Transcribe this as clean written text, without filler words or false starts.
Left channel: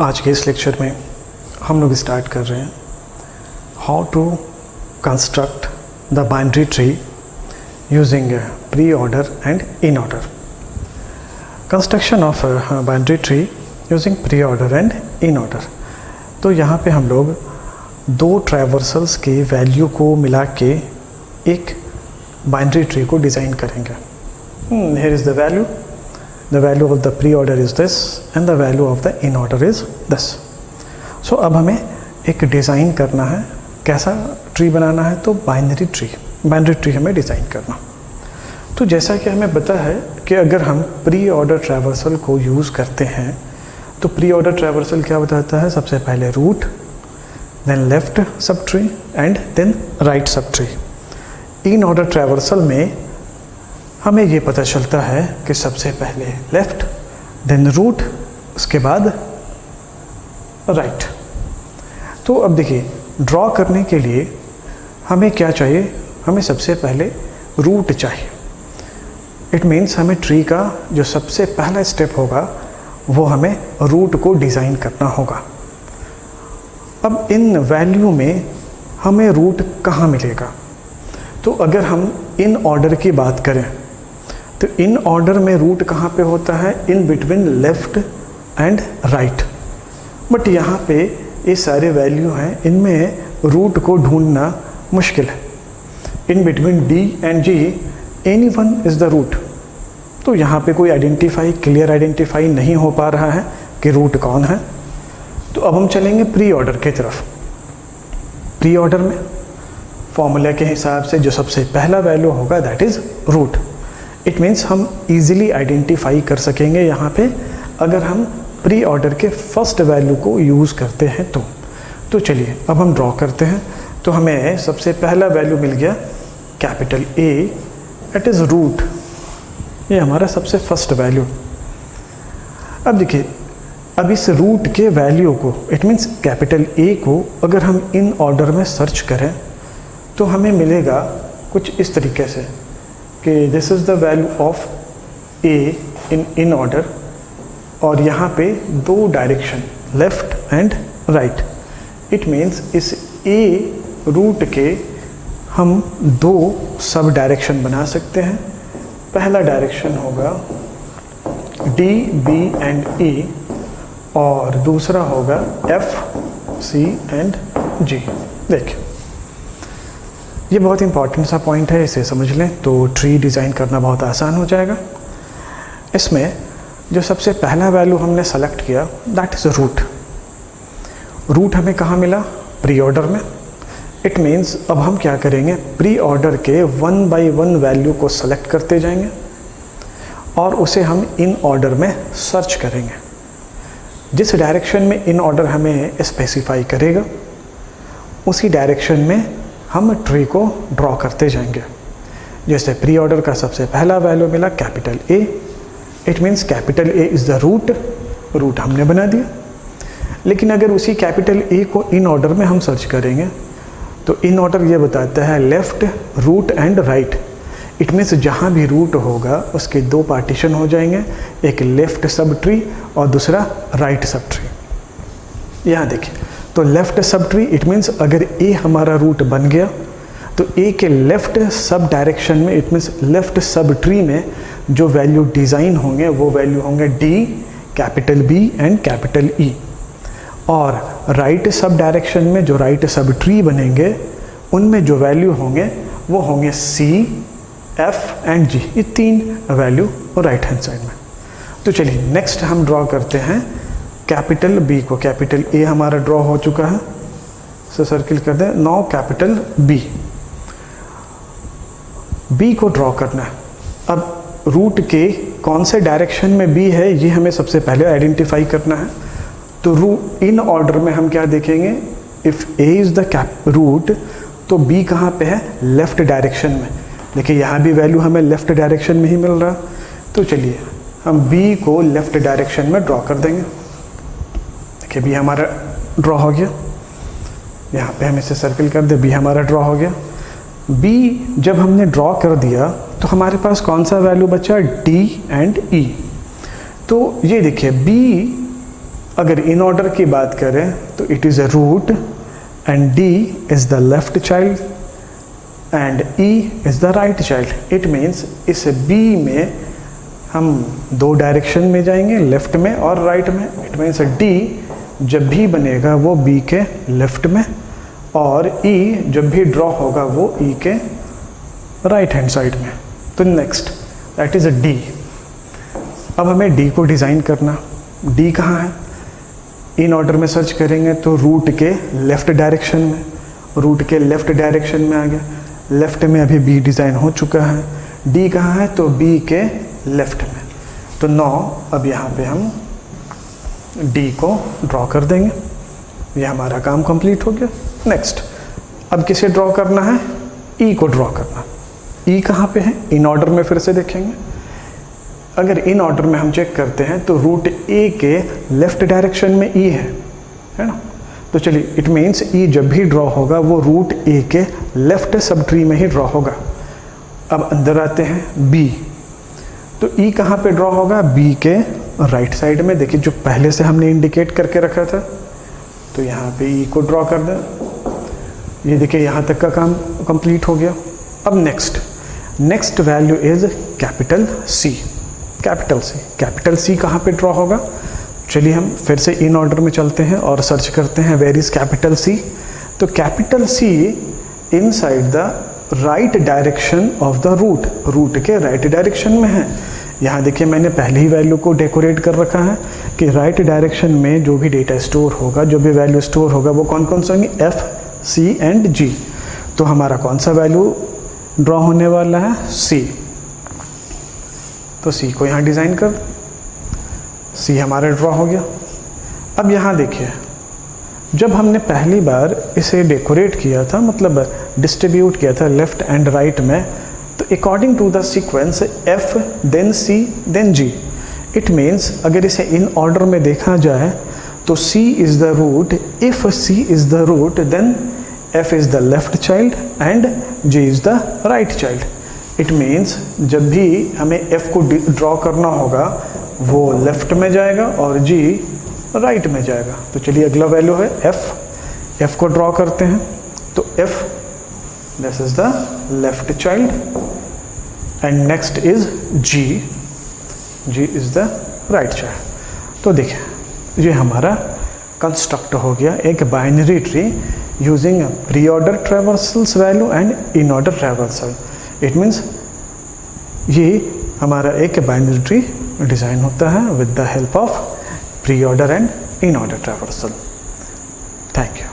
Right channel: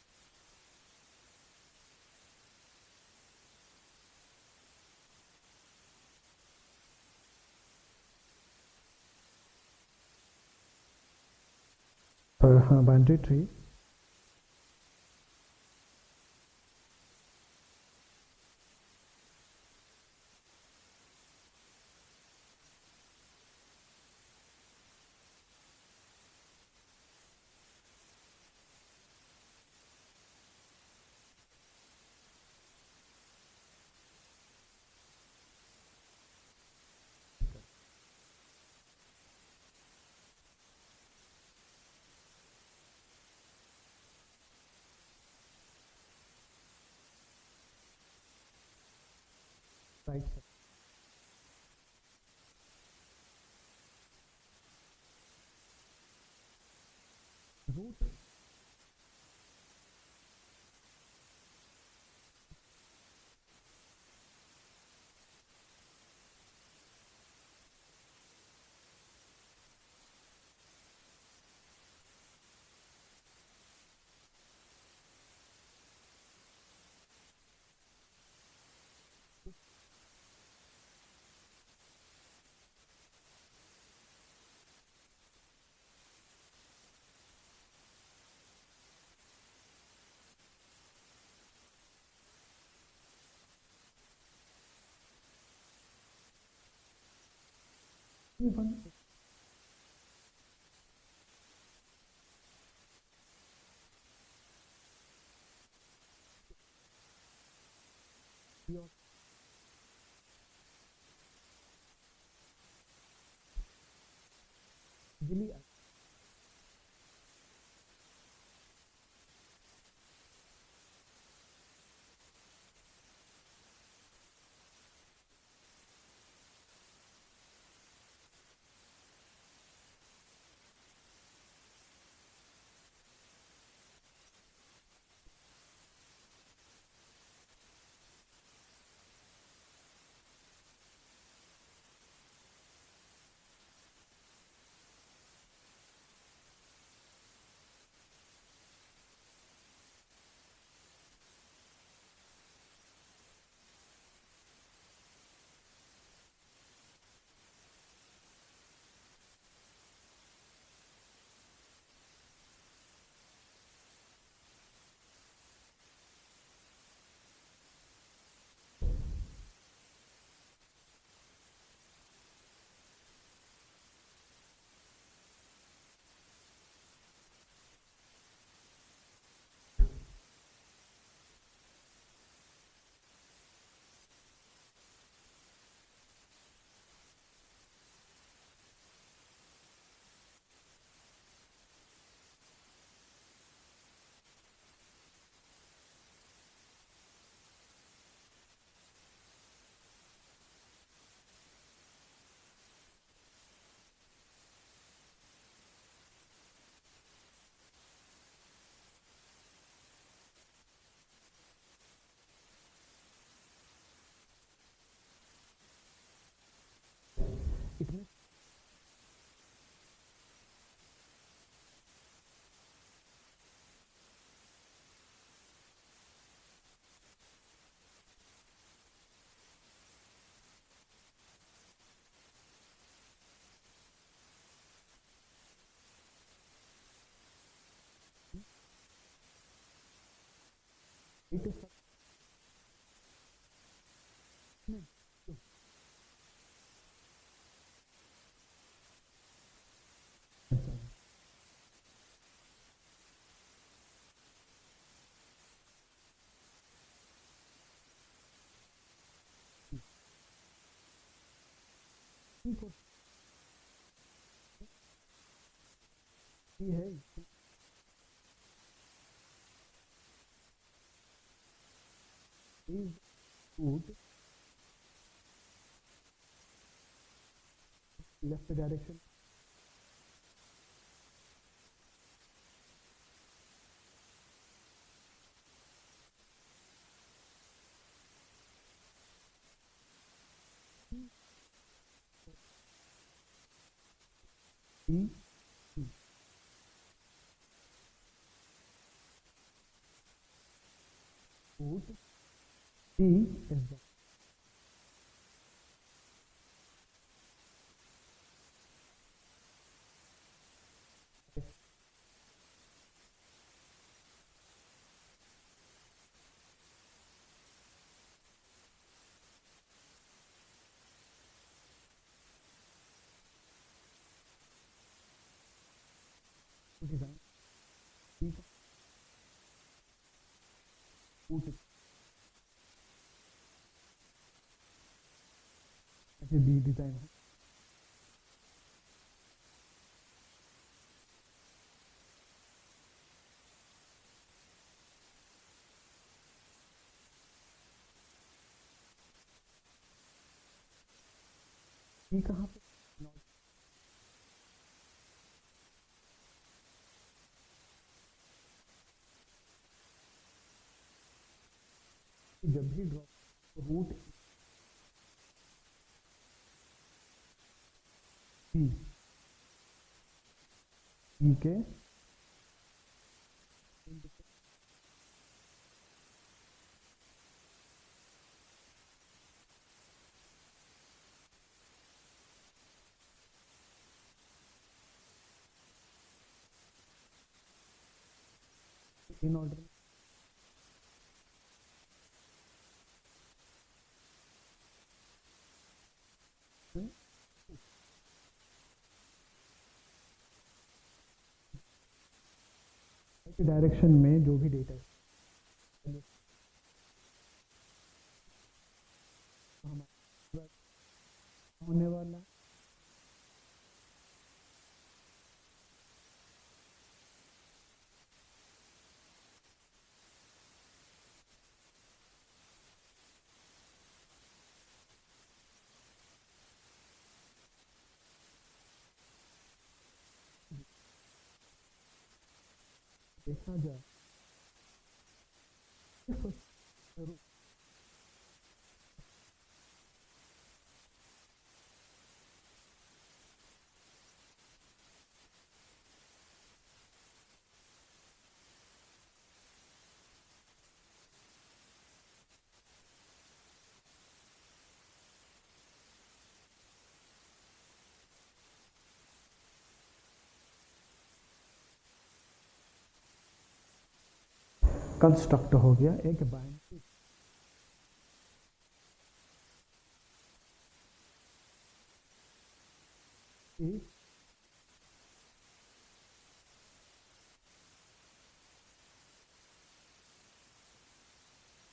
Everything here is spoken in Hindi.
आज के इस लेक्चर में हम लोग स्टार्ट कर रहे हैं how to construct the binary tree using pre order and in order. Construction of binary tree using pre order and in order. तो यहाँ पे हम लोग दो ट्रैवर्सल्स के वैल्यू को मिला के एक बाइनरी ट्री को डिज़ाइन करेंगे। Here is the value of the pre-order is this and the value of the in-order is this. So अब हमें एक डिज़ाइन करना है, कैसा ट्री बनाना है, तो बाइनरी ट्री हमें डिज़ाइन करना। तो जैसा कि हमें पता है कि अगर हम प्री ऑर्डर ट्रैवर्सल को यूज़ करते हैं तो प्री ऑर्डर ट्रैवर्सल क्या बताता है, सबसे पहले root, then left sub tree and then right sub tree. In order traversal में हमें ये पता चलता है कि सबसे पहले लेफ़्ट, देन रूट, उसके बाद राइट। तो अब देखिए, ड्रॉ करने के लिए हमें क्या चाहिए, हमें सबसे पहले रूट चाहिए। इट मीन्स हमें ट्री का जो सबसे पहला स्टेप होगा वो हमें रूट को डिज़ाइन करना होगा। अब इन वैल्यू में हमें रूट कहाँ मिलेगा, तो अगर हम इन ऑर्डर की बात करें तो इन ऑर्डर में रूट कहाँ पे होता है, in between left and right. But यहाँ पे ये सारे वैल्यू हैं, इनमें रूट को ढूंढना मुश्किल है। In between D and G any one is the root. तो यहाँ पे कोई क्लियर आइडेंटिफाई नहीं हो पा रहा है कि रूट कौन है। तो अब हम चलेंगे प्री ऑर्डर की तरफ। प्री ऑर्डर में फॉर्मूला के हिसाब से जो सबसे पहला वैल्यू होगा that is root. It means हम इजीली आइडेंटिफाई कर सकेंगे यहाँ पे अगर हम प्री ऑर्डर के फर्स्ट वैल्यू को यूज़ करते हैं तो चलिए अब हम ड्रॉ करते हैं। तो हमें सबसे पहला वैल्यू मिल गया capital A, it is root. ये हमारा सबसे फर्स्ट वैल्यू। अब देखिए, अब इस रूट के वैल्यू को, इट मीन्स कैपिटल ए को अगर हम इन ऑर्डर में सर्च करें तो हमें मिलेगा कुछ इस तरीके से कि this is the value of A in order, और यहाँ पे दो direction left and right. It means इस ए रूट के हम दो सब डायरेक्शन बना सकते हैं। पहला डायरेक्शन होगा डी बी एंड ई और दूसरा होगा एफ सी एंड जी। देखिए, ये बहुत इंपॉर्टेंट सा पॉइंट है, इसे समझ लें तो ट्री डिज़ाइन करना बहुत आसान हो जाएगा। इसमें जो सबसे पहला वैल्यू हमने सेलेक्ट किया दैट इज़ रूट। रूट हमें कहाँ मिला, प्री ऑर्डर में। इट मीन्स अब हम क्या करेंगे, प्री ऑर्डर के 1 बाय 1 वैल्यू को सेलेक्ट करते जाएंगे और उसे हम इन ऑर्डर में सर्च करेंगे। जिस डायरेक्शन में इन ऑर्डर हमें स्पेसिफाई करेगा उसी डायरेक्शन में हम ट्री को ड्रॉ करते जाएंगे। जैसे प्री ऑर्डर का सबसे पहला वैल्यू मिला capital A, it means capital A is the root हमने बना दिया। लेकिन अगर उसी कैपिटल ए को इन ऑर्डर में हम सर्च करेंगे तो इन ऑर्डर ये बताता है left, root and right. It means जहाँ भी रूट होगा उसके दो पार्टीशन हो जाएंगे, एक लेफ़्ट सब ट्री और दूसरा राइट सब ट्री। यहाँ देखिए, तो left sub tree it means अगर ए हमारा रूट बन गया तो ए के लेफ़्ट सब डायरेक्शन में, it means left sub tree में जो वैल्यू डिज़ाइन होंगे वो वैल्यू होंगे D, capital B and capital E. और राइट सब डायरेक्शन में जो राइट सब ट्री बनेंगे उनमें जो वैल्यू होंगे वो होंगे सी, एफ एंड जी। ये तीन वैल्यू राइट हैंड साइड में। तो चलिए नेक्स्ट हम ड्रॉ करते हैं कैपिटल बी को। कैपिटल ए हमारा ड्रॉ हो चुका है, इसे सर्किल कर दें। नाउ कैपिटल बी को ड्रॉ करना है। अब रूट के कौन से डायरेक्शन में बी है ये हमें सबसे पहले आइडेंटिफाई करना है। तो इन ऑर्डर में हम क्या देखेंगे, if A is the root तो बी कहाँ पे है, लेफ़्ट डायरेक्शन में। देखिए यहाँ भी वैल्यू हमें लेफ़्ट डायरेक्शन में ही मिल रहा। तो चलिए हम बी को लेफ़्ट डायरेक्शन में ड्रॉ कर देंगे। देखिए बी हमारा ड्रॉ हो गया, यहाँ पे हम इसे सर्किल कर दे, बी हमारा ड्रॉ हो गया। बी जब हमने ड्रॉ कर दिया तो हमारे पास कौन सा वैल्यू बचा, डी एंड ई। तो ये देखिए बी अगर इन ऑर्डर की बात करें तो it is a root and D is the left child and E is the right child. It means इस बी में हम दो डायरेक्शन में जाएंगे, लेफ्ट में और राइट में। इट मीन्स डी जब भी बनेगा वो बी के लेफ्ट में, और ई जब भी ड्रॉ होगा वो ई के राइट हैंड साइड में। तो next that is a D. अब हमें डी को डिज़ाइन करना। डी कहाँ है? इन ऑर्डर में सर्च करेंगे तो रूट के लेफ़्ट डायरेक्शन में, रूट के लेफ़्ट डायरेक्शन में आ गया। लेफ़्ट में अभी बी डिज़ाइन हो चुका है। डी कहाँ है? तो बी के लेफ़्ट में। तो 9 अब यहाँ पे हम डी को ड्रॉ कर देंगे। ये हमारा काम कंप्लीट हो गया। नेक्स्ट अब किसे ड्रॉ करना है? ई को ड्रॉ करना। ई कहाँ पे है? इन ऑर्डर में फिर से देखेंगे। अगर इन ऑर्डर में हम चेक करते हैं तो रूट ए के लेफ़्ट डायरेक्शन में ई है ना। तो चलिए, इट मीन्स ई जब भी ड्रॉ होगा वो रूट ए के लेफ़्ट सब ट्री में ही ड्रॉ होगा। अब अंदर आते हैं बी। तो ई कहाँ पे ड्रॉ होगा? बी के राइट साइड में। देखिए जो पहले से हमने इंडिकेट करके रखा था, तो यहाँ पे ई को ड्रॉ कर दें। ये देखिए यहाँ तक का काम कंप्लीट हो गया। अब next value is capital C. Capital C कहाँ पे ड्रॉ होगा? चलिए हम फिर से इन ऑर्डर में चलते हैं और सर्च करते हैं वेयर इज़ कैपिटल सी। तो capital C inside the right direction of the root के राइट डायरेक्शन में है। यहाँ देखिए मैंने पहले ही वैल्यू को डेकोरेट कर रखा है कि राइट डायरेक्शन में जो भी डेटा स्टोर होगा, जो भी वैल्यू स्टोर होगा वो कौन कौन सा होंगे? एफ, सी एंड जी। तो हमारा कौन सा वैल्यू ड्रॉ होने वाला है? सी। तो सी को यहाँ डिज़ाइन कर, सी हमारा ड्रॉ हो गया। अब यहाँ देखिए, जब हमने पहली बार इसे डेकोरेट किया था, मतलब डिस्ट्रीब्यूट किया था लेफ़्ट एंड राइट में, तो according to the sequence F then C then G. It means अगर इसे इन ऑर्डर में देखा जाए तो C is the root. If C is the root then F is the left child and G is the right child. It means जब भी हमें एफ को ड्रॉ करना होगा वो लेफ़्ट में जाएगा और जी राइट में जाएगा। तो चलिए अगला वैल्यू है एफ को ड्रॉ करते हैं। तो F this is the left child and next is G is the right child. तो देखिए ये हमारा कंस्ट्रक्ट हो गया एक binary tree using pre order traversals value and in order traversal. It means ये हमारा एक बाइनरी ट्री डिज़ाइन होता है with the help of pre order and in order traversal. Thank you.